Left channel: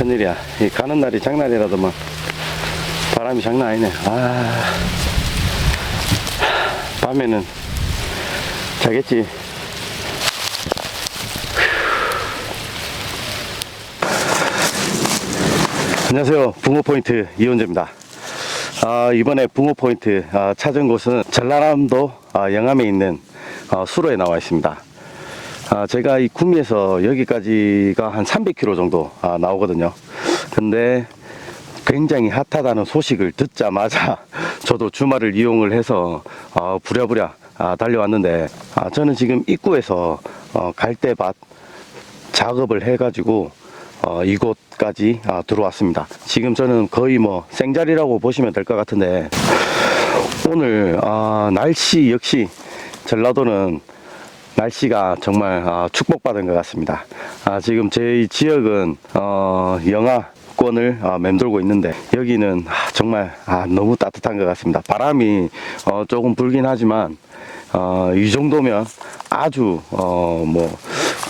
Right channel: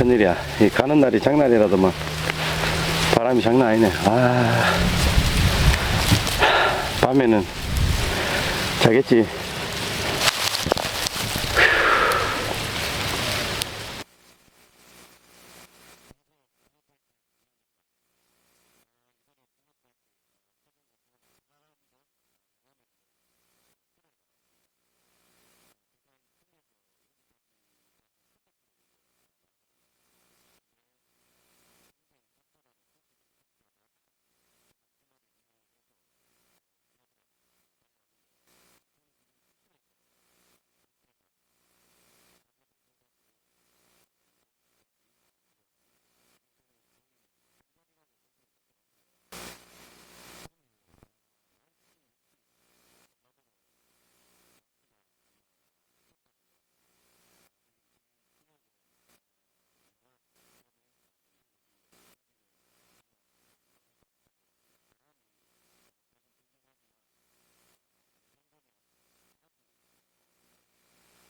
큰일이야. 이 가는 날이 장난이라더만. 바람이 장난 아니네. 아. 밤에는 자겠지. 안녕하세요. 붕어 포인트 이원재입니다. 아, 이번에 붕어 포인트 아, 찾은 곳은 전라남도 아, 영암에 있는 아, 수로에 나와 있습니다. 아, 제가 이 구미에서 여기까지가 한 300km 정도 아, 나오거든요. 근데 굉장히 핫하다는 소식을 듣자마자 저도 주말을 이용을 해서 어, 부랴부랴 아, 달려왔는데 아, 저는 지금 입구에서 어, 갈대밭 작업을 해가지고 어, 이곳까지 아, 들어왔습니다. 지금 저는 거의 뭐 생자리라고 보시면 될 것 같은데 오늘 아, 날씨 역시 전라도는 날씨가 정말 아, 축복받은 것 같습니다. 아, 지금 제 지역은 어, 영하 권을 아, 맴돌고 있는데 여기는 아, 정말 아, 너무 따뜻한 것 같습니다. 바람이 어, 조금 불긴 하지만 어, 이 정도면 아주 어, 뭐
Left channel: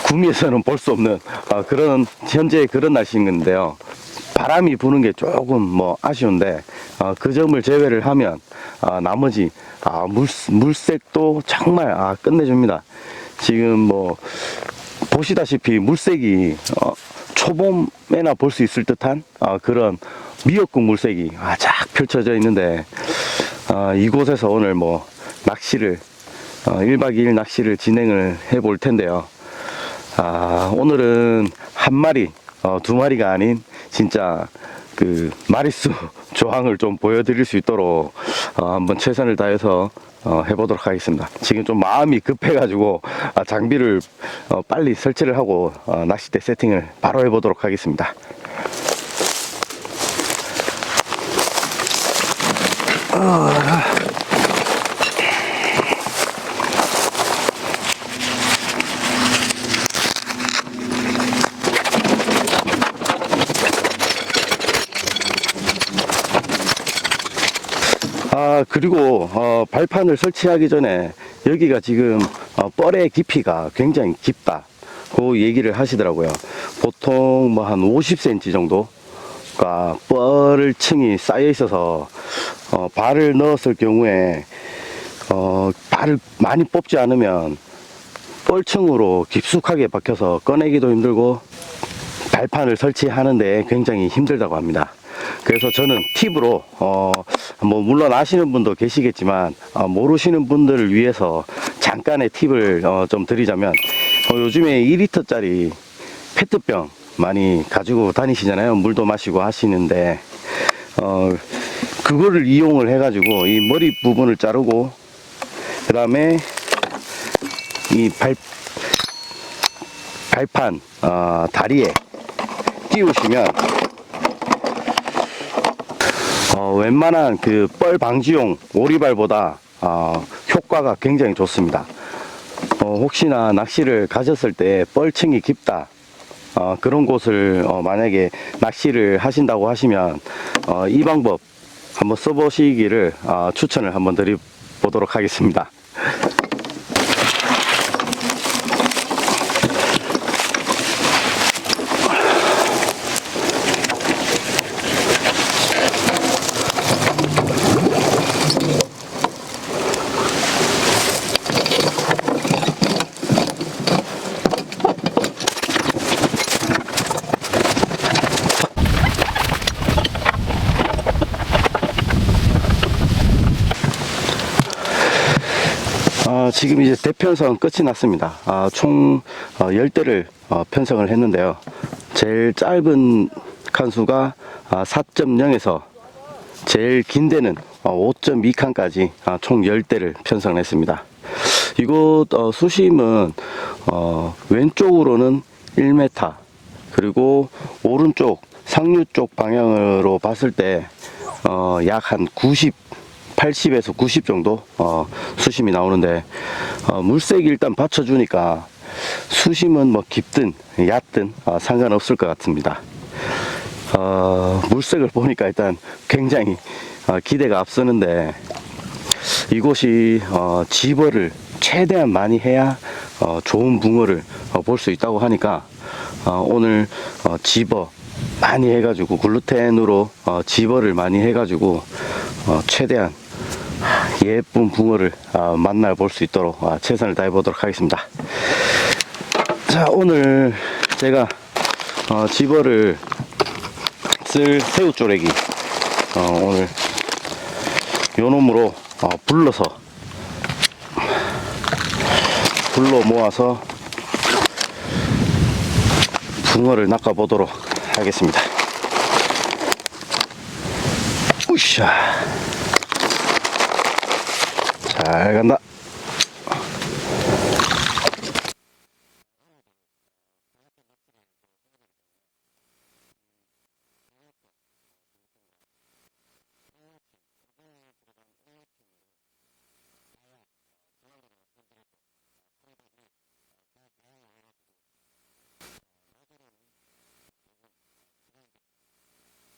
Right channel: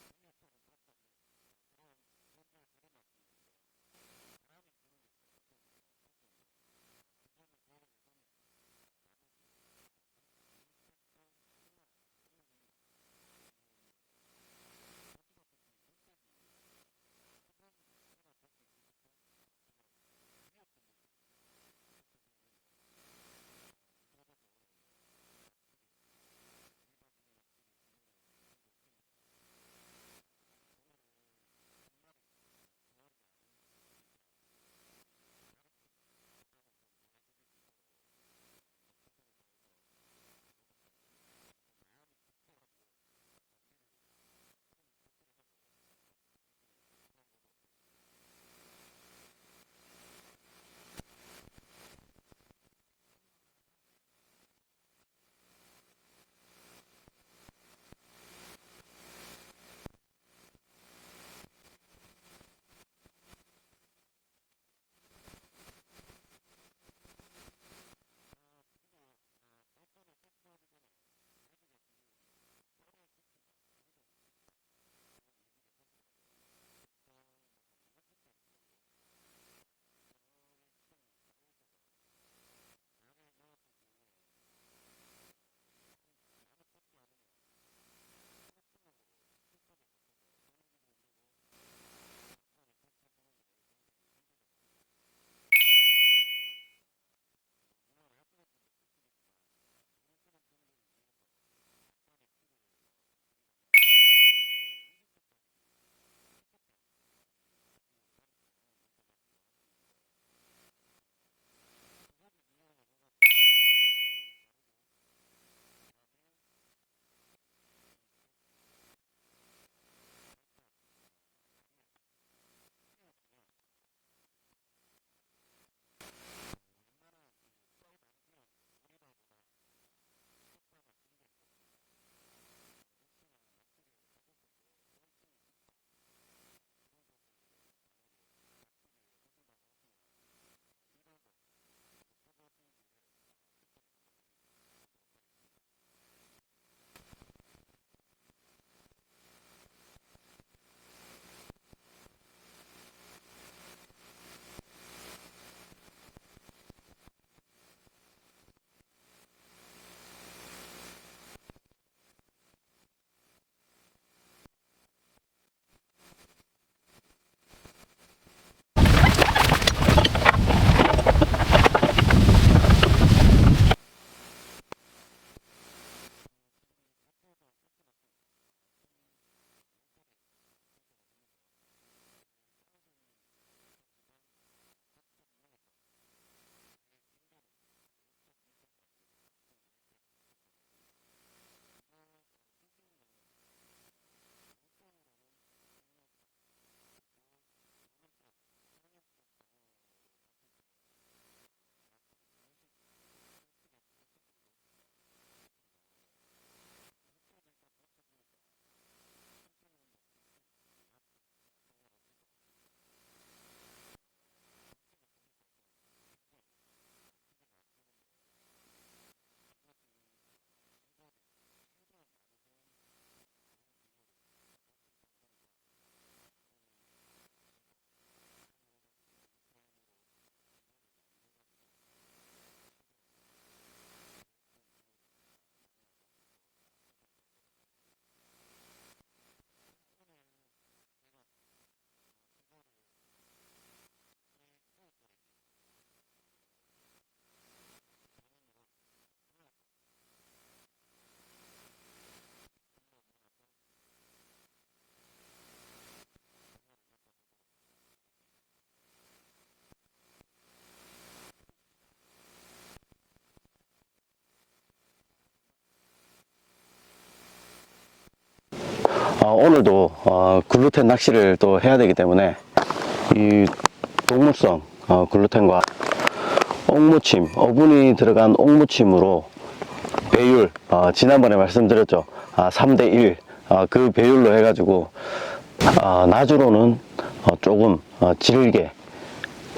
구미에서는 볼 수 없는 어, 그런 현재 그런 날씨인 건데요. 바람이 부는 게 조금 뭐 아쉬운데 어, 그 점을 제외를 하면 아, 나머지 아, 물, 물색도 정말 아, 끝내줍니다. 지금 뭐 보시다시피 물색이 어, 초봄에나 볼 수 있을 듯한 아, 그런 미역국 물색이 아, 쫙 펼쳐져 있는데 아, 이곳에서 오늘 뭐 낚시를 어, 1박 2일 낚시를 진행을 해 볼 텐데요. 아, 오늘은 한 마리, 어, 두 마리가 아닌 진짜 그 마리수 조항을 좀 보여드릴 수 있도록 어, 한번 최선을 다해서 어, 해보도록 하겠습니다. 지금 좀 마음이 급해가지고 아, 장비를 어, 빨리 설치를 하고 어, 낚싯대 세팅을 바로 해보도록 하겠습니다. 아 그리고 어, 발판을 설치하기 전에 여기가 지금 어, 뻘의 깊이가 굉장히 깊다 그 얘기를 하시더라고요 보통 뭐 한 50cm 정도가 뻘을 층이 쌓여 있어서 어, 발을 넣었을 경우에 어, 발을 많이 뽑지 않으면 뻘층으로 깊숙하게 박혀서 꺼내기도 힘들고 발판을 설치하는데 굉장히 힘들다고 합니다. 그래서 저는 팁으로 어, 뭐 물론 아시는 분도 계시겠지만 어, 모르시는 분들을 위해서 잠깐의 팁을 어, 좀 드리자면 어, 요즘에 2리터짜리 페트병 많이 가지고 다니시잖아요. 물도 마시고 하시는데 어, 그거를 이용을 해가지고 이 머리 부분을 자르고 그 다음에 이 발, 발판 어, 다리에 끼우시면 어, 웬만한 그 뻘 방지용 오리발보다 어, 효과가 굉장히 좋습니다. 어, 혹시나 낚시를 가셨을 때 뻘층이 깊다. 어, 그런 곳을 어, 만약에 낚시를 하신다고 하시면 어, 이 방법 한번 써보시기를 어, 추천을 한번 드려보도록 하겠습니다. 어, 지금 이제 대편성 끝이 났습니다. 아, 총 어, 10대를 어, 편성을 했는데요. 제일 짧은 칸수가 아, 4.0에서 제일 긴 데는 어, 5.2칸까지 아, 총 10대를 편성을 했습니다. 이곳 어, 수심은 어, 왼쪽으로는 1m 그리고 오른쪽 상류 쪽 방향으로 봤을 때 어, 약 한 90, 80에서 90 정도 어, 수심이 나오는데 어, 물색이 일단 받쳐주니까 수심은 뭐 깊든 얕든 어, 상관없을 것 같습니다. 어, 물색을 보니까 일단 굉장히 어, 기대가 앞서는데 이곳이 어, 지벌을 최대한 많이 해야 어, 좋은 붕어를 볼수 있다고 하니까 어, 오늘 어, 집어 많이 해가지고 글루텐으로 어, 집어를 많이 해가지고 어, 최대한 예쁜 붕어를 어, 만나볼 수 있도록 어, 최선을 다해 보도록 하겠습니다. 자 오늘 제가 어, 집어를 쓸 새우 쪼래기 어, 오늘 요 놈으로 어, 불러서 불러 모아서 붕어를 낚아 보도록 하겠습니다. 우샤 잘 간다. 어, 오늘도 어, 글루텐 낚시를 또 해야 되기 때문에 이 동물성 어, 글루텐과 옥무침, 어분이 들어간 옥무침으로 배율, 어, 지난번에 말씀드렸죠. 아, 3대1, 그 배율로 해가지고, 아, 낮으로는 어, 조금 어, 질게,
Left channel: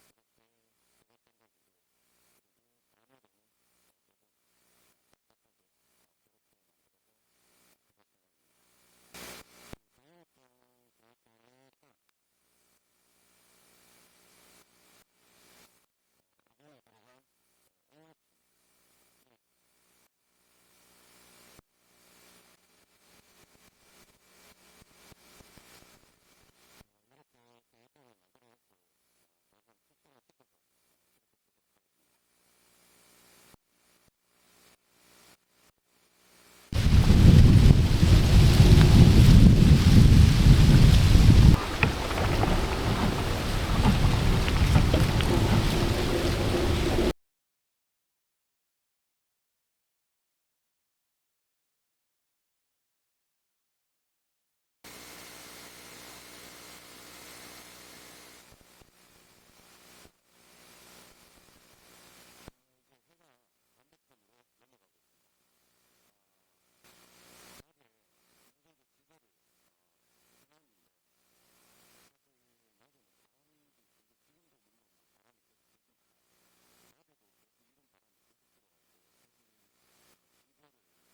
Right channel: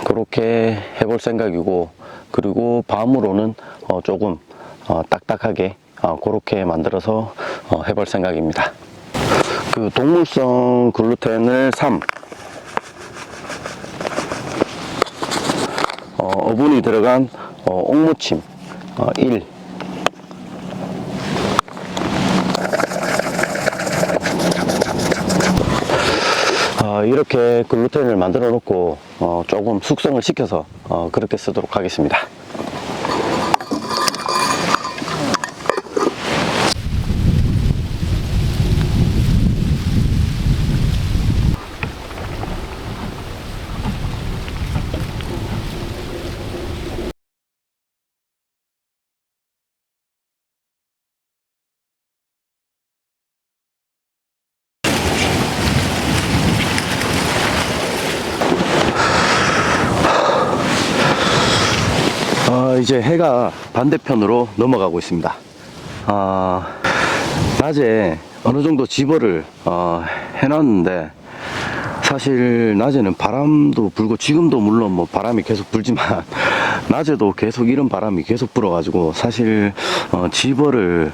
그렇게 해볼 생각이고, 그리고 밤으로는 어, 조금 어, 딱딱하게, 어, 그렇게 만들어서 어, 해볼 생각입니다. 그 동물성 글루텐을 3, 어, 어분이 들어간 어, 옥무침 어, 1 어, 이렇게 글루텐을 만들어 놓고 어, 조금 숙성을 시켜서 어, 그렇게 쓰도록 하겠습니다. 어, 이제 해가 반대편으로 넘어가고 있습니다. 아, 낮에 어느 정도 집어를 어, 해놨는데 사실 낮에는 바람도 불고 지금도 물론 뭐 바람이 계속 불지만 낮에도 계속 이런 바람이 계속 불어가지고 사실 어, 집어를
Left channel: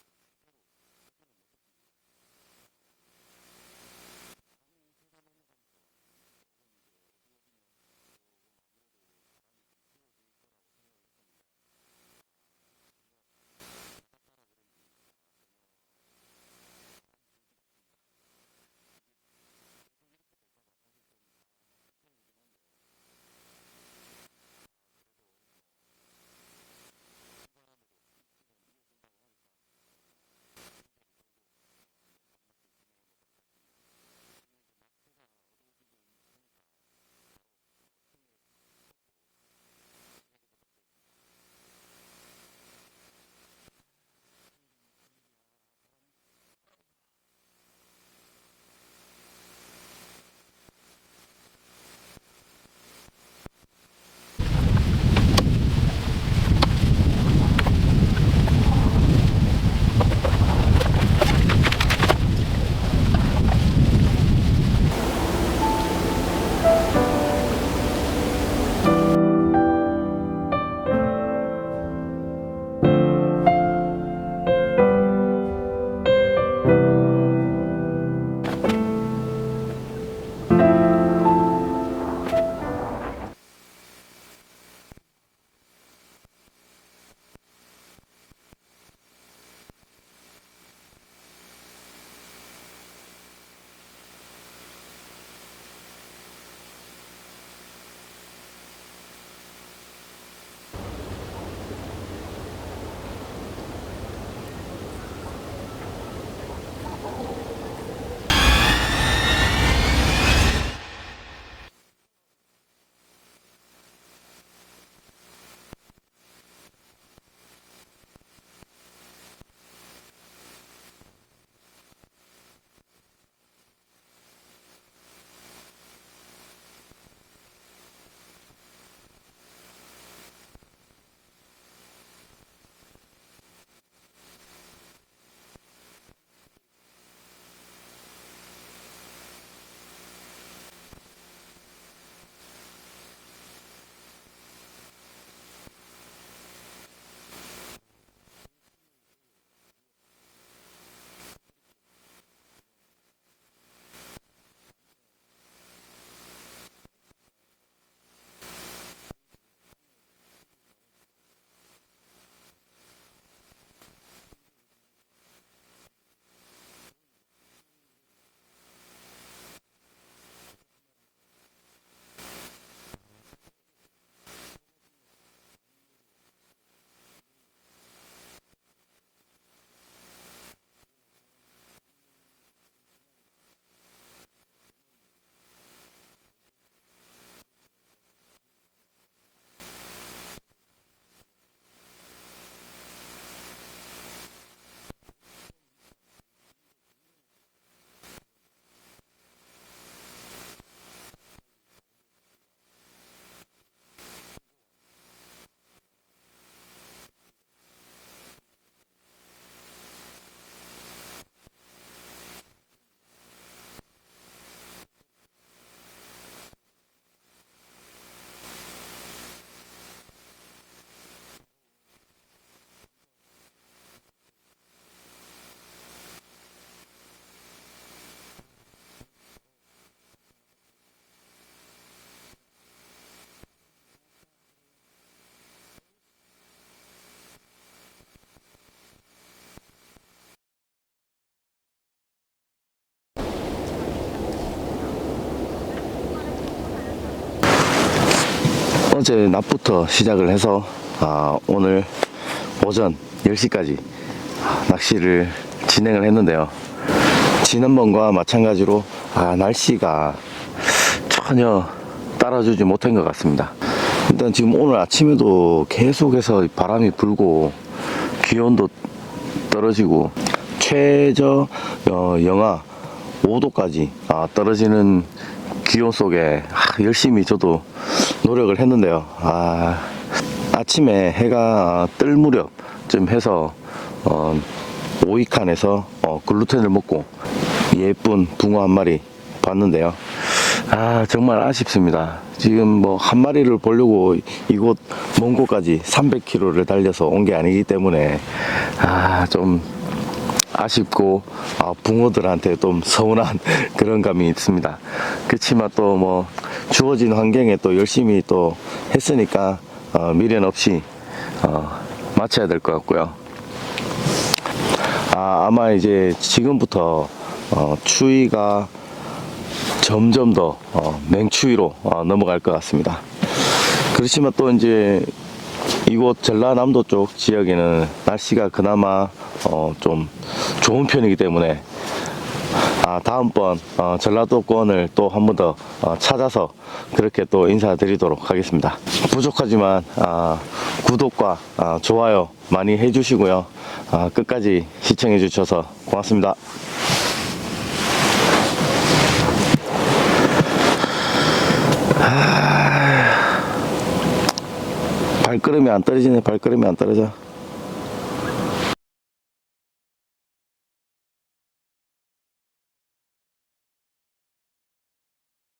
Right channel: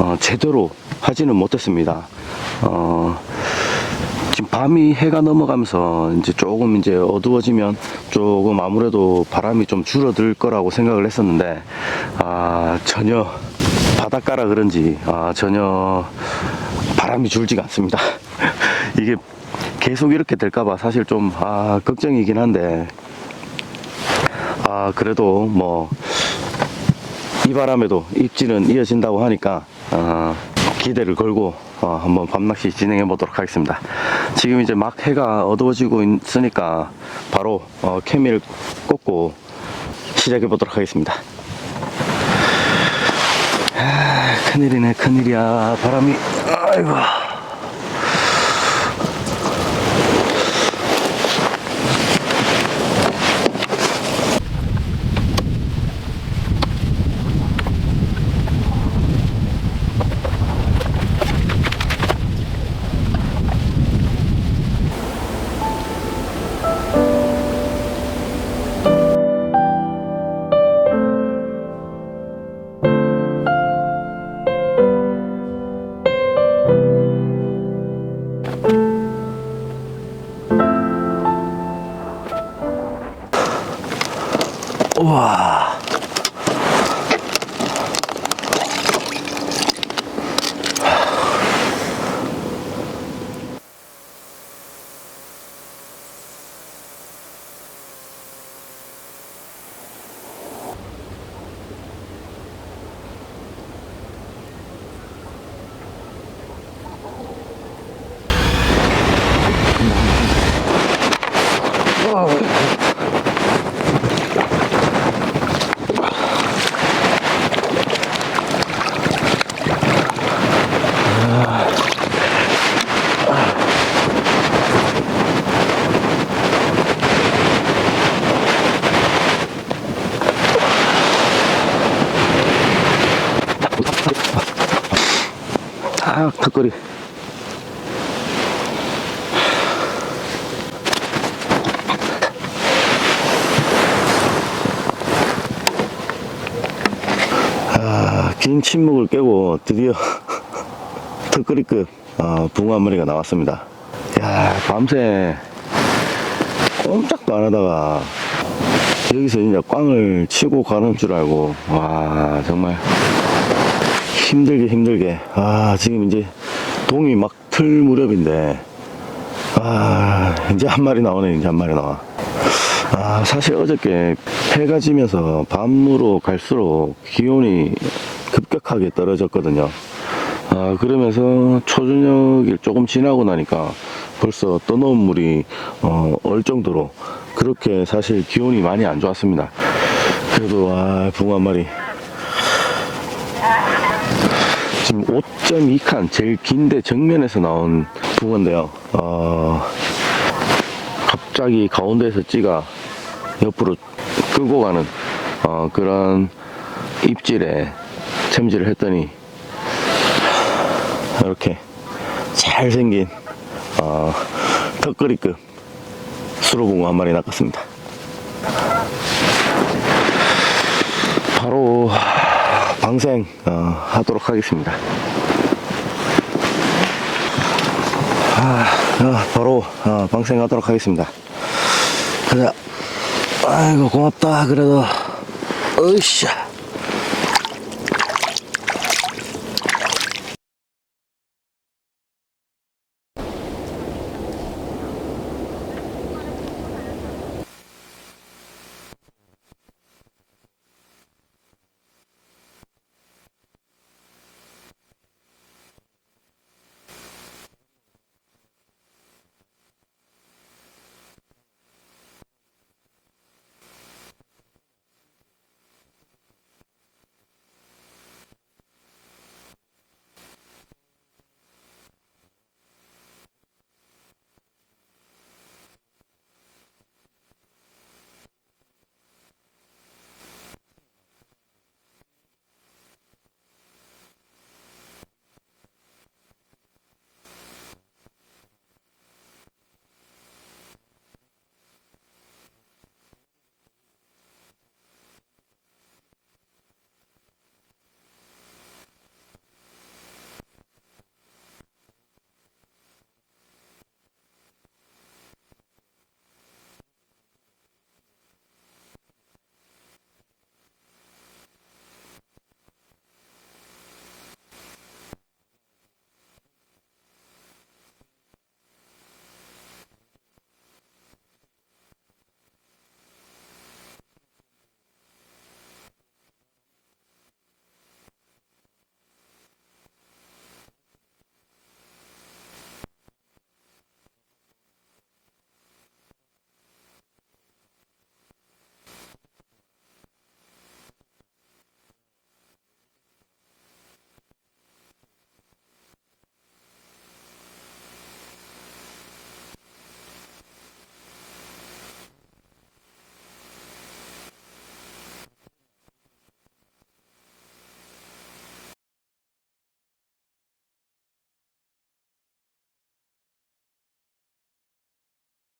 어, 제대로 하지는 못했습니다. 어, 지금 밤이 해가 넘어가면서 이제 조금 이제 어두워지면 조금 아무래도 바람이 좀 줄어들 거라고 생각을 했었는데 아 전혀 바닷가라 그런지 아 전혀 바람이 줄지가 않습니다. 이게 계속 이렇게 될까봐 사실 좀 아 걱정이긴 한데 아 그래도 뭐 이 바람에도 입질은 이어진다고 하니까 어, 기대를 걸고 어, 한번 밤낚시 진행해 보도록 하겠습니다. 지금 이제 막 해가 어두워지고 있으니까 바로 어, 케미를 꽂고 시작해 보도록 하겠습니다. 아, 큰일이네 큰일이야 바람이 아이고 아 턱걸이 아긴 침묵을 깨고 드디어 턱걸이급 어, 붕어 한 마리가 나왔습니다. 야 밤새 꼼짝도 안 하다가 여기서 진짜 꽝을 치고 가는 줄 알고 와 정말 힘들게 힘들게 아 지금 이제 동이 막 틀 무렵인데. 아 이제 한 마리 나오네 이제 한 마리 나와. 아 사실 어저께 해가 지면서 밤으로 갈수록 기온이 급격하게 떨어졌거든요. 아 그러면서 초저녁이 조금 지나고 나니까 벌써 떠놓은 물이 어, 얼 정도로 그렇게 사실 기온이 많이 안 좋았습니다. 그래도 와 붕어 한 마리 지금 5.2칸 제일 긴데 정면에서 나온 붕어인데요. 어, 갑자기 가운데에서 찌가 옆으로 끌고 가는 어, 그런 입질에 챔질을 했더니 이렇게 잘생긴 어, 턱걸이급 수로붕어 한 마리 낚았습니다. 바로 방생 어, 하도록 하겠습니다. 아, 어, 바로 어, 방생하도록 하겠습니다. 가자. 아이고 고맙다. 그래도 으쌰. 어제 낮부터 시작을 해서 아, 오늘 오전 10시까지 낚시를 진행을 했는데요. 지난번과 마찬가지로 아, 날씨가 전혀 따라주지 못한 것 같습니다. 일단 지금 오늘 아침에도 계속해서 바람이 불고 기온도 떨어지고 최저 어, 영하 5도까지 아, 떨어지는 기온 속에 아, 열심히 저도 노력을 했는데요. 아, 아침에 해가 뜰 무렵쯤 해서 어, 오이칸에서 어, 글루텐을 먹고 예쁜 붕어 한 마리 봤는데요. 아 정말 아쉽습니다. 지금 뭐 한 마리를 보려고 이곳 먼 곳까지 300km를 달려서 온 게 아니기 때문에 아좀 아쉽고 아, 붕어들한테 좀 서운한 그런 감이 있습니다. 그렇지만 또 뭐 주어진 환경에 또 열심히 또 했으니까 어, 미련 없이 어, 마쳐야 될 것 같고요. 아, 아마 이제 지금부터 어, 추위가 점점 더 어, 맹추위로 어, 넘어갈 것 같습니다. 그렇지만 또 이제 이곳 전라남도 쪽 지역에는 날씨가 그나마 어, 좀 좋은 편이기 때문에 아, 다음번 어, 전라도권을 또 한 번 더 어, 찾아서 그렇게 또 인사드리도록 하겠습니다. 부족하지만 아, 구독과 아, 좋아요 많이 해주시고요. 아, 끝까지 시청해 주셔서 고맙습니다. 발걸음이 안 떨어지네 발걸음이 안 떨어져